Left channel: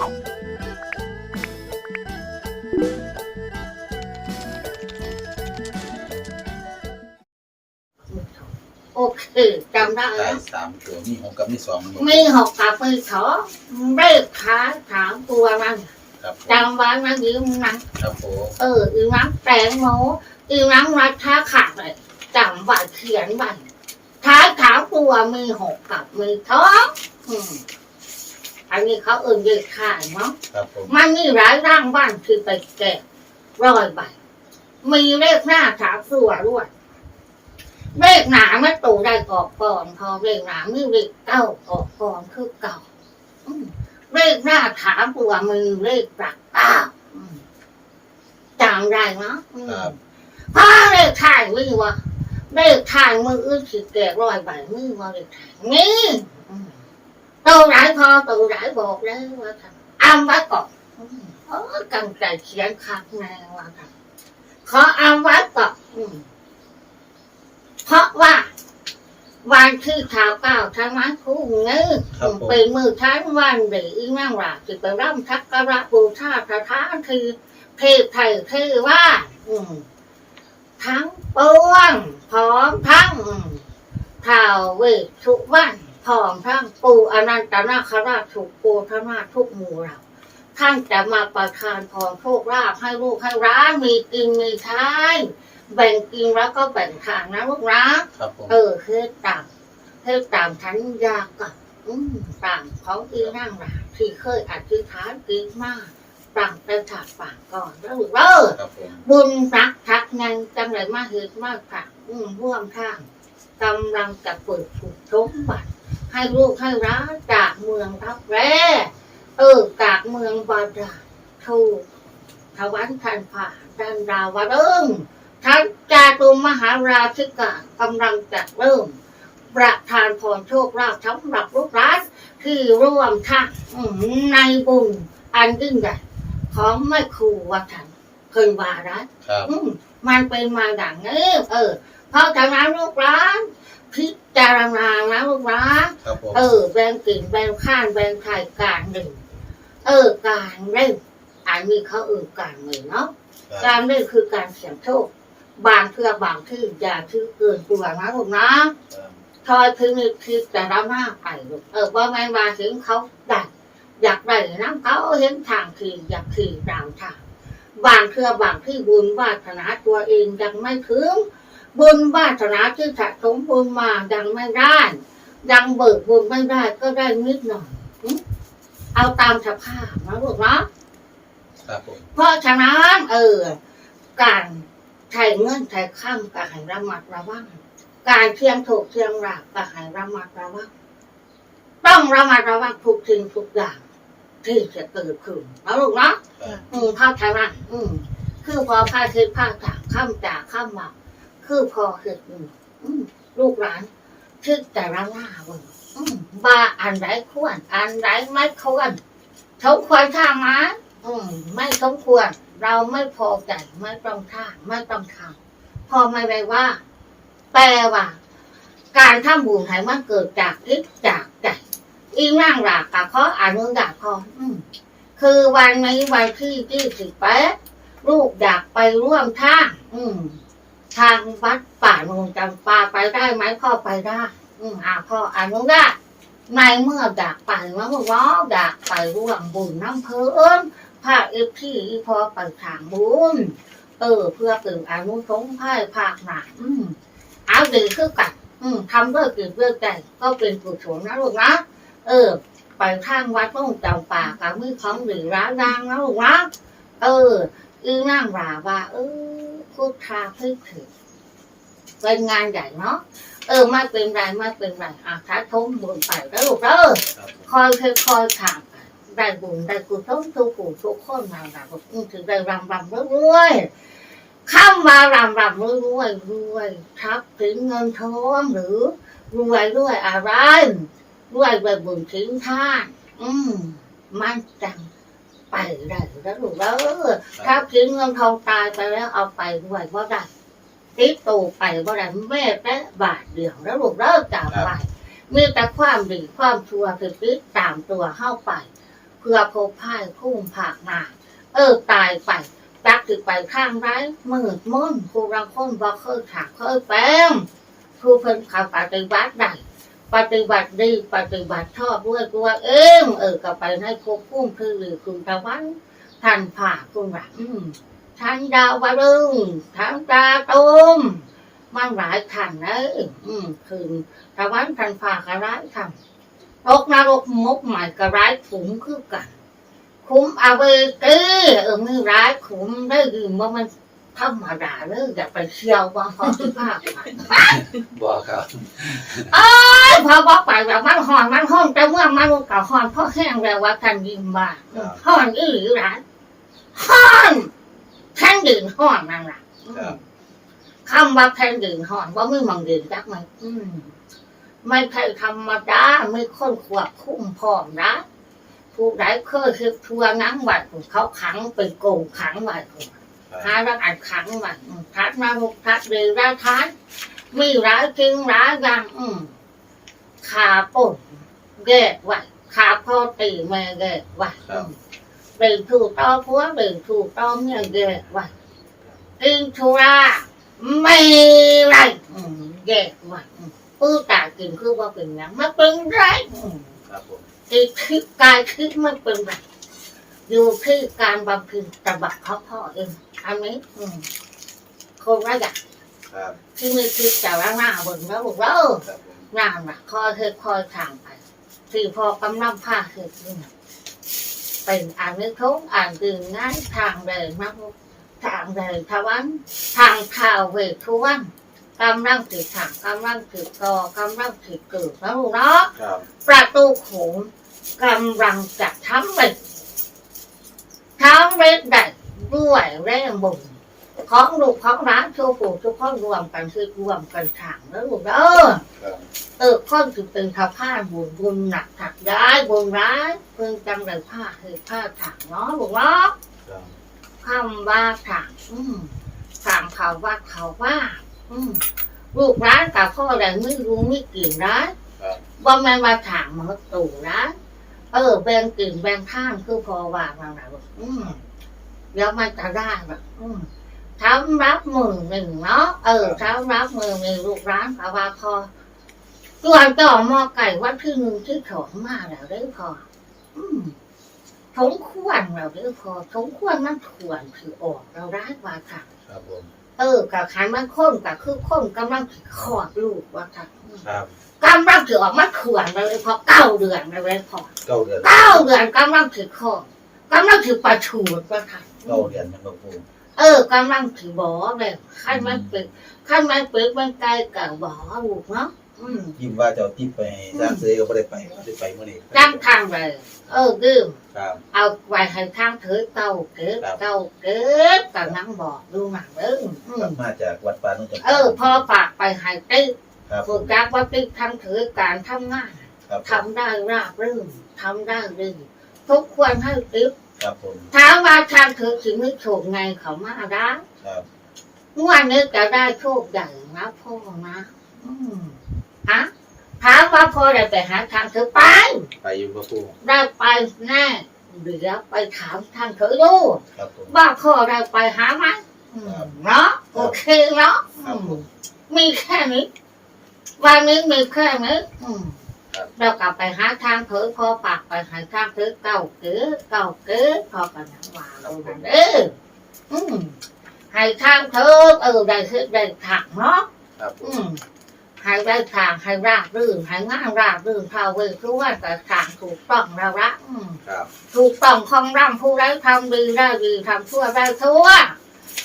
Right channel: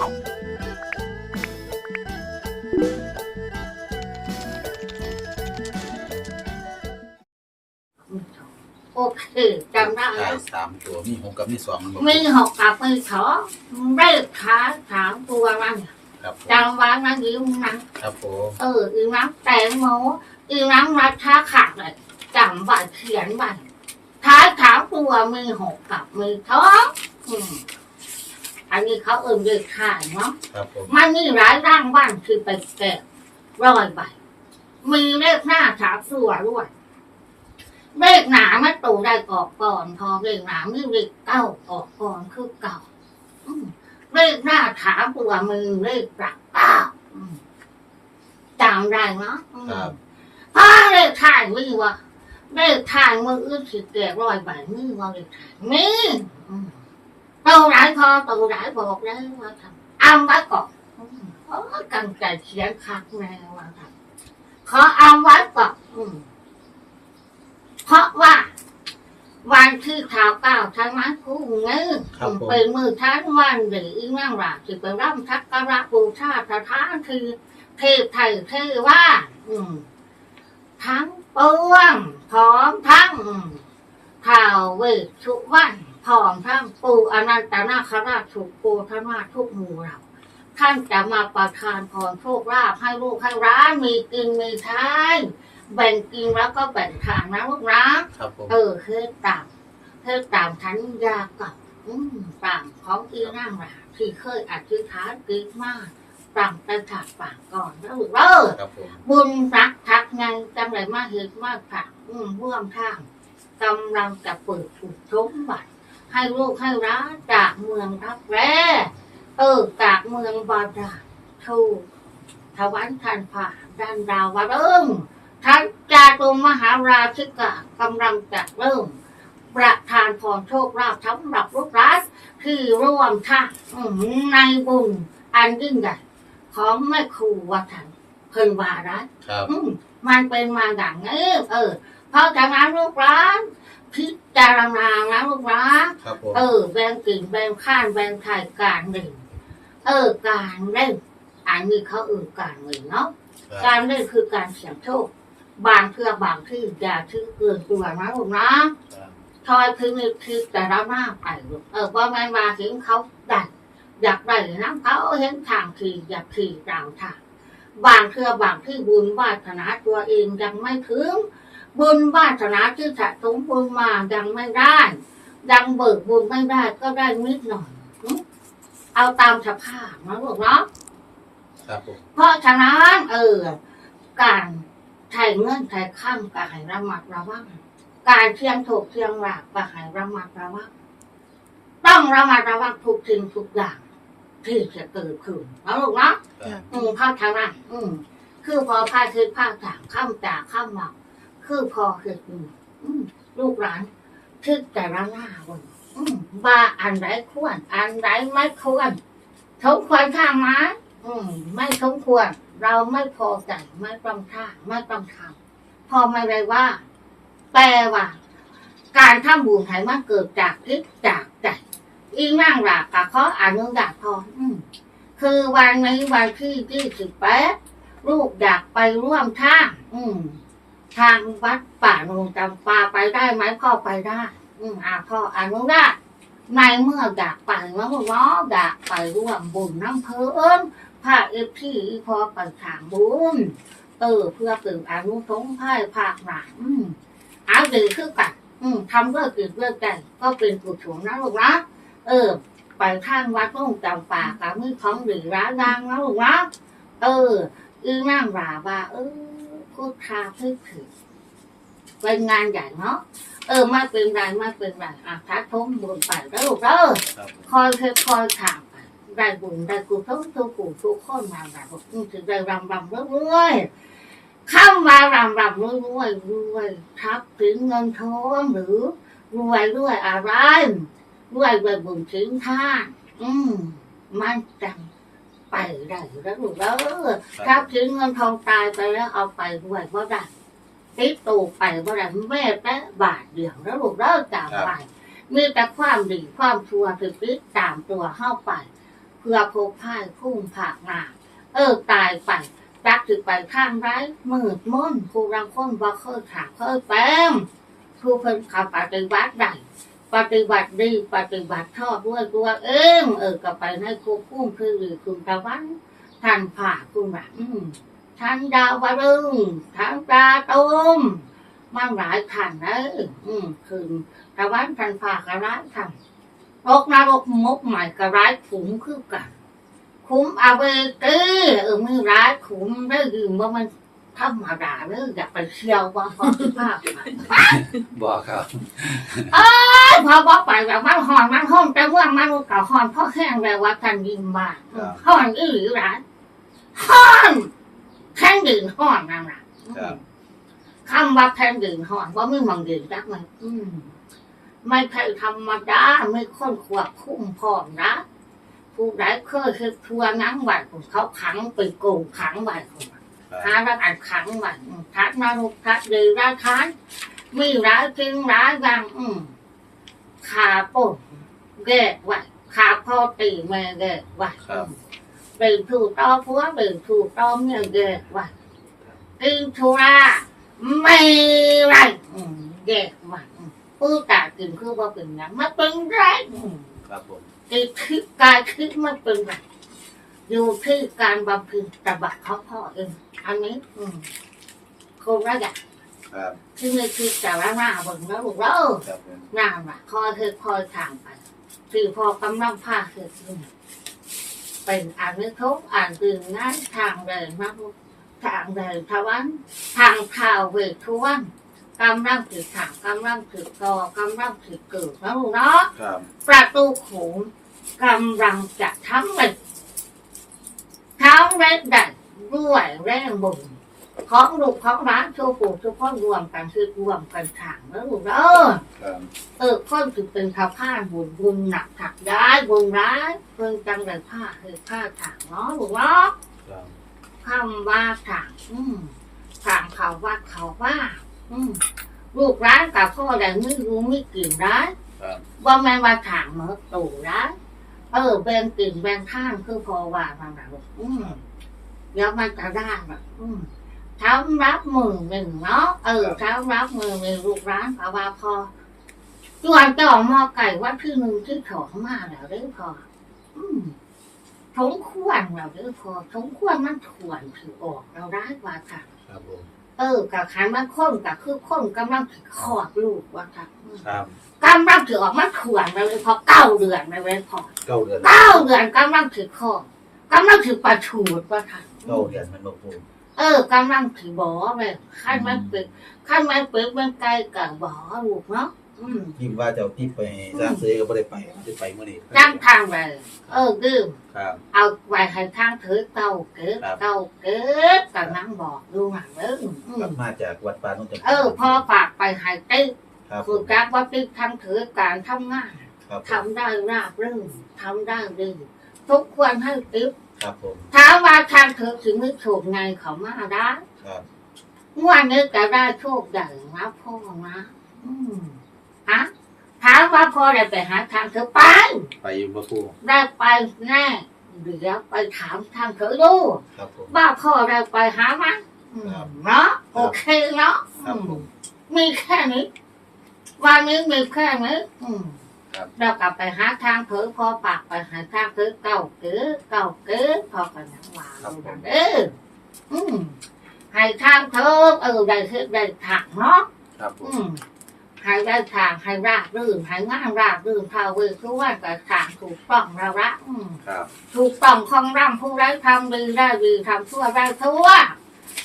โอเคจำได้ได้นะสามตัวมีหกกับมีสองมันบอกมีหกกับมีสองเลขท้ายสามตัวมันครับผมจำไว้นะยิ้มนะ ครับผมเอออีน้ำแตงโมอีน้ำรัดท้าขาดเลยจำไว้เขียนไว้ท้ายสามตัวมีหกกับมีสองอืม อันนี้เขาเอิ่นเลขท้ายเนาะครับผมมันมีหลายร่างบ้านคือไปแกะร้อยใบมีเลขหน้าสามตัวด้วยเลขหนาไม่ตูได้ออกก่อนพอเลขหนาไม่เลขเก้าออกก่อนคือเก่าอืมเลขหน้าถามตัวมือเลขหลักเก้าอืมจำได้เนาะอืมครับพาเลขถ่ายมือวะเลขถ่ายมืออื่นสิแกะร้อยใบมือว่าเลขถ่ายมี อืมโตหลายพอโตหลายบอกเลยว่าทำอ้ำไว้ก่อนอืมเออกังใจเขียนคักแน่ว่าครับขอเอาไว้ก่อนอืมเพราะว่าวันที่ข่าวเก้าทั้งนั้นคู่เงื้อเป็นมือทั้งวันหรืออีนั่งหลับสิไปร่ำทักการะบูชาสถานคือเทพไทยเทว่า อืมทั้งปวงพร้อมทั้งอืมข่าวเวททุกวัน พร้อมทั้งปูอนันตนาคราชทุกโกธนาถทุกหมู่เราท่านจะมาประทานพรโชคลาภให้ลูกให้ร้านมีกินมีใช้แบ่งกินแล้วก็แบ่งทางนะลูกนะครับผมเออคือตามคือตามทันยากับอืมตามของอีนั่งราที่เคยอธิษฐานกินมากตามไปถากปากก่อนแล้วลูกเด้อครับผมบุญรักทักงานจังไรมากเหตุมากค่ะอืมร่วมทางกำลังจะเปิดถูกชมบัตร ให้ลูกให้ร้านจากเมืองรับแร่เออจากเมืองบาดาลถูกทวันทันผ่าดันดาวเริ่มท่านจาตุมหาราชิกากำลังจะเริ่ม ประทานพรโชคลาภสำหรับลูกร้านที่ร่วมทางอืมในบุญอันยิ่งใหญ่ของแม่ครูวัฒนเพิ่นวาระครับอืมมันเป็นมาอย่างนี้เออเพราะฉะนั้นลูกร้าน พิจารณานะลูกร้านครับผมเออแบ่งกลิ่นแบ่งข้านแบ่งไทยการหนึ่งเออการเล่นอันนี้เขาเออการหนึ่งเนาะครักาบรเล่นคือการเสี่ยงโชคบางเทือบางที่อย่าชื่อเกินตัวนะลูกนะทอยพึงนึกคิดแต่ละมากไปลูกเออว่าไม่มาถึงเขาได้อยากได้น้ำเขาเห็นทางคืออยากคือดาวทางบางเทือบางที่บุญวาสนาตัวเองยังไม่ถึง บุญวาสนาที่สะสมบุญมายังไม่ได้ยังเบิกบุญไม่ได้ก็ได้นิดหน่อยหึเอาตามสภาพนะลูกเนาะครับผมเพราะฉะนั้นเออ การใช้เงินใช้ข้ามก็ให้ระมัดระวังการเที่ยงถูกเที่ยงหลักก็ให้ระมัดระวังต้องระมัดระวังทุกสิ่งทุกอย่าง ที่จะเกิดขึ้นนะลูกเนาะครับอืมภาคทางนั้นอืมคือพอภาคคือภาคจากข้ามจากข้ามมา คือพอคืออืมอืมลูกหลานคือแต่ละหน้าวันอืมว่าอันไหนควร อันไหนไม่ควรสมควรท่ามาอืม ไม่สมควร เราไม่พอใจไม่ต้องท่าไม่ต้องทำพอไม่ได้ว่า แปลว่า การทำบุญให้มันเกิดจากทิศจากใจอีนั่งหลักกับเขาอนุญาตพออืมคือวันนี้วันที่ยี่สิบแปดลูกอยากไปร่วมท่าอืม ทางวัดป่าโนนจำปาไปได้ไหมพ่อไปได้ อืมอ่าพ่ออนุญาตในเมื่ออยากไปเมื่อว่าอยากไปร่วมบุญน้ำเพลินพาเอฟที่พอไปทางบุญเออเพื่อเป็นอนุสงฆ์ให้ภาคหนาอืมเอาดีคือกันอืมทำเพื่อกิจเพื่อใจก็เป็นกุศลนะลูกนะเออ ไปทางวัดต้องจำป่ากับมือของหรือร้านดังนะลูกนะเอออีนั่งราว่าเออ พูดทาเพื่อถือเป็นงานใหญ่เนาะเออไม่เป็นไรไม่เป็นไรอะถ้าทมบุญไปแล้วลูกเด้อคอยเคยคอยถามไปได้บุญได้กุศลทุกผู้ทุกคนมาได้บุญถึงได้รำรำรวยๆเข้ามารำรำรวยรวยรวยทับถึงเงินทองหรือ รวยรวยอะไรด้วยใบบุญทิ้งท่านอืมมันจัง ไปได้แล้วลูกเออถ้าทิ้งเงินทองตายไปแล้วเอาไปด้วยว่าได้ติดตูไปว่าได้แม่แต่บาทเดียวแล้วลูกเลิกจำไปมีแต่ความดีความชั่วคือติดตามตัวเข้าไปเพื่อพบพ่ายคุ้มผากหนาเออตายไปจักถือไปข้างไรมืดมนผู้รังคนบ่เคยถามเคยแปมผู้เพิ่นขับปฏิบัติได้ ปฏิบัติดีปฏิบัติชอบด้วยตัวเอ็มเออก็ไปในภพคุ้มคือหรือคุณตะวันท่านผ่าคุณว่าอืมท่านดาวรึงท่านตาตุมมันหลายขันนะอืมคือตะวันท่านผ่ากระไรทำตกนรกมกใหม่ก็ร้ายขุมคือกัน คุ้มเอาไปต้เออมือร้ายขุมได้ยืมว่ามัน ธรรมดาเลยอย่าไปเชี่ยวว่าพอสุภาพไปบอกครับเอ้ยพอบอกไปแบบมันหอนมันห้องแต่ว่ามันก็หอนเพราะแห้งแล้วว่ากันยิมบ้าอืมหอนอีหรือร้ายหอนแท่งดื่นหอนนั่นแหละอืมครับคำว่าแท่งดื่นหอนว่าไม่มองดื่นจักไหมอืมไม่ใช่ธรรมดาไม่ค้นควบคุมพร้อมนะผู้ใดเคยคือทัวนังไว้ของเขาขังไปโกงขังไว้ของ หารักอันขังไว้อืมทัดนารุกทัดดีร้ายท้ายมีร้ายจริงร้ายยังอืมขาป่นแยกไว้ขาพ่อตีแม่แยกไว้ครับเป็นถูกต่อผัวเป็นถูกต่อเมียแยกไว้กินทุราไม่ไรอืมแยกไว้อืมผู้ตากินคือว่าเป็นหยังมันเป็นไรอืมครับผมจิตคิดกายคิดมันเป็นไร อยู่ที่การบำเพ็ญตบะเขาพ่อเองอันนี้อืมคนละอย่างครับที่มีคิดแต่ละหน้าเบิ่งแล้วบอกว่าเออครับผมหน้าน่ะคอยเธอคอยทางไปที่พอกำลังผ้าคือขึ้นเป็นอ่านนึกทุกอ่านตื่นง่ายทางเดินมากทางเดินทวัน ทางข่าวเวททวันกำลังถือถางกำลังถือกอกำลังถือเกิดนะลูกเนาะ ครับประตูโขงกำลังจะทำเร็จ ทำเร็จได้ด้วยแรงบุญของลูกของร้านโชว์ปู่ทุกคนรวมกันคือรวมกันถางแล้วลูกเออเออคนถือเป็นข้าวผ้าบุญบุญหนักถักย้ายบุญร้ายเพิ่งจังเลยผ้าคือผ้าถางเนาะลูกเนาะคำว่าถางอืมถางเขาว่าเขาว่า อืมลูกร้านกับพ่อแต่ไม่รู้ไม่กลิ่นร้านบว่าแม่นมาถางมาตู่ร้าน เออแบ่งกลิ่นแบ่งท่ามคือพอว่าบางหลายบอกอืมเดี๋ยวมันจะได้แบบอืมทำรับมือหนึ่งเนาะเออทำรับมือหนึ่งลูกร้านกับว่าพอส่วนต่อหมอไก่ว่าที่หนึ่งที่สองมาแล้วได้อพอ อืมสมควรเราได้อพอสมควรมันควรถือออกเราได้ว่าค่ะครับผมเออกับขันมันค้นกับคือค้นกำลังถือขอดลูกว่าค่ะอืมครับ กำลังถือออกมาขวนเลยพอเก้าเดือนเลยพอเก้าเดือนเก้าเดือนกำลังถือขอดกำลังถือประชูดว่าค่ะเก้าเดือนมันบอกปูเออกำลังถือบอเลยขั้นมันเป็นขั้นมันเป็นมันไกลกับบอลูกเนาะอืมพิมพ์ว่าจะเอาทิปไปให้จ้างซื้อก็ไม่ได้ไปไม่ได้ไปเมื่อนี้จ้างทางเลยเออดืมครับเอาไว้ให้ทางถือเก้าเกิดครับเก้าเกิดกับนั่งบอกดูหนังเด้ออืกลัมบมาจากวัดป่านุ่งจำปาเออพอฝากไปให้ติ๊ก ครับผฝึกมจักว่าติ๊กทางถือการทำงานครับผมทำได้ราบรื่นทำได้ดีทุกควรให้ติ๊บครับผมถามว่าทางถือถึงไม่โชคไงเขามาได้ครับงวันนี้จะได้โชคใหญ่นะพ่อนะอืมฮะถามว่าพ่อได้ไปหาทางถือไป ไปอยู่บ่ปูได้ไปแน่เดี๋ยวไปถามทางถือดูครับผมว่าพ่อได้ไปหาไหมอืมครับเนาะโอเคเนาะครับอืมผมมีแค่นี้ วันนี้มีแค่นี้อืมครับเรากลับไปหาทางเผยพอปากไปหาทางเผยเก่าเก๋เก่าเก๋พอกันนังว่าเราดันเด้ออืมให้ทางเธอเออได้คือได้ถักเนาะครับผอืมมให้ได้ทางให้ราบรื่นให้งานราบรื่นพาเวคือว่าแต่ทางถูกต้องแล้วละอืมครับถูกต้องของร่ำผู้ได้ทำดีได้ดีทำชั่วได้ชั่ว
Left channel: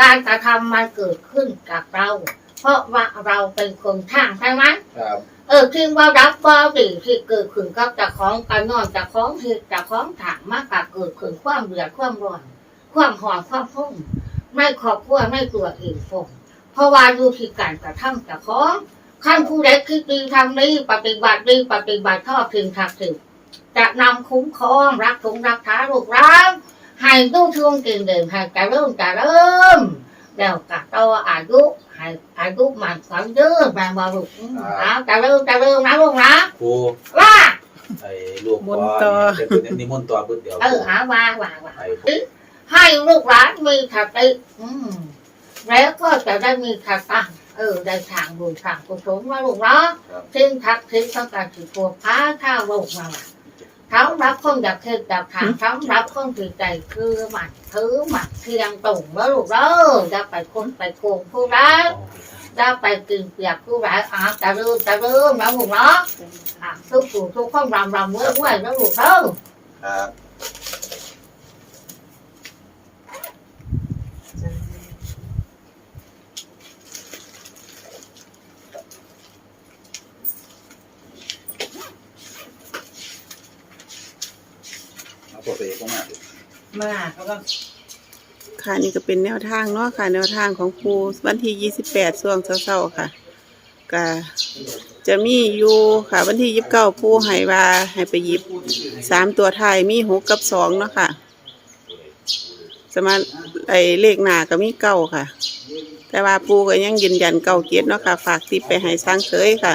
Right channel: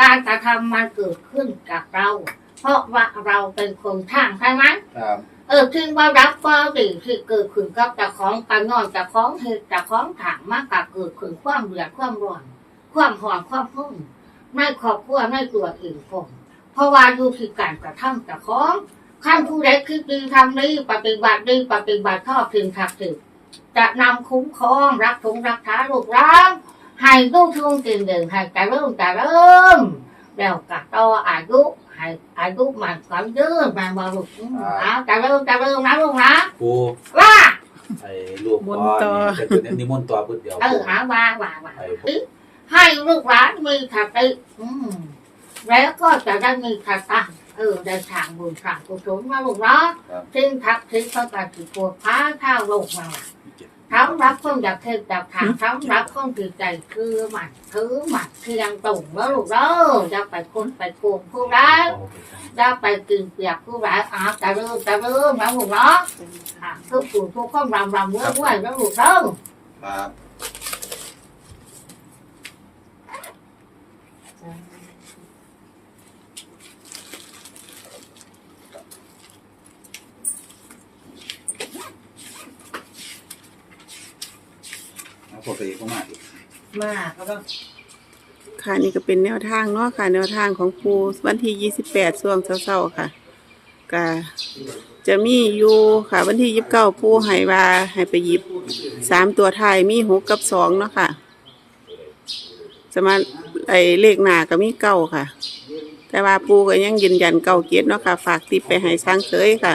การกระทำมันเกิดขึ้นกับเรา เพราะว่าเราเป็นคนทางใช่ไหมครับเออที่ว่ารับว่าดีที่เกิดขึ้นกับเจากของการนอนเจากของเหตุเจากของถางมากกับเกิดขึ้นความเดือดความร้อน ความหอนความพุ่งไม่ขอบครัวไม่ตัวเองฟงเพราะว่าดูที่การกระทำเจากของขั้นผู้ใดคิดดีทำดีปฏิบัติดีปฏิบัติชอบถึงทักถึงจะนำคุ้มครองรักสงรักษาลูกร้างให้ลูกช่วงกินเดินให้จะเริ่มจะเริ่มแล้วก็ต่ออายุ ให้อายุมันก็ยืดมาบาลูกอืมเอาจะเริ่มจะเริ่มนะลูกนะปูว่าไอ้ลูกบนต่อ เป็นนิมนต์ต่อพุทธเดียวเออหาว่าว่าว่าไปให้ลูกหลานมีสติอืม แล้วก็จะได้มีสตังค์เออ ได้ทางบุญทางกุศลมาลูกเนาะครับซึ่งทักทิศต้องการถือตัวพาข้าวโลกมาว่าทั้งรับคนอยากเทศอยากทางทั้งรับคนถือใจคือหมัดถือหมัดเทียงตุ่งแล้วลูกเด้อจะไปคนไปโกงผู้ร้ายจะไปกินเปียกผู้ร้ายอาจะเริ่มจะเริ่มนะลูกเนาะอะทุกผู้ทุกคนรำรำเว้ยเว้ยแล้วลูกเด้อครับ เอาพวกไปก็มาดิมาเขาก็ค่ะนี่ก็เป็นแนวทางเนาะค่ะ แนวทางของปูวันที่ 28ช่วงเช้าๆค่ะก็จะมีอยู่ค่ะ วันที่ 29ปูให้ว่าให้ไปหยิบสามตัวท้ายมีหกกับสองเนาะค่ะ สมาไอเลขหน้าก็มีเก้าค่ะ แต่ว่าปูก็ยังยืนยันเก้าเกียรติเนาะค่ะ ฝากติปไปให้สร้างเสยค่ะ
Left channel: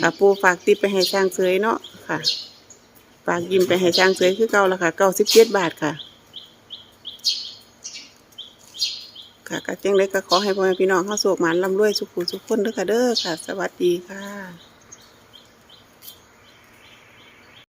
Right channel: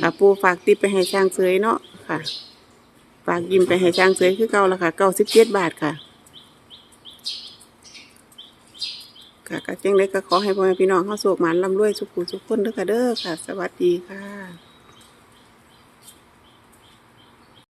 ค่ะปูฝากติปไปให้สร้างเสยเนาะค่ะ ฝากยิ้มไปให้ช้างเสยคือเก่าละค่ะเก้าสิบเจ็ดบาทค่ะ ค่ะก็จังเล็ก็ขอให้พ่อแม่พี่น้องเข้าสุขหมันลำรวยสุขุสุขคนเด้อค่ะเด้อค่ะ สวัสดีค่ะ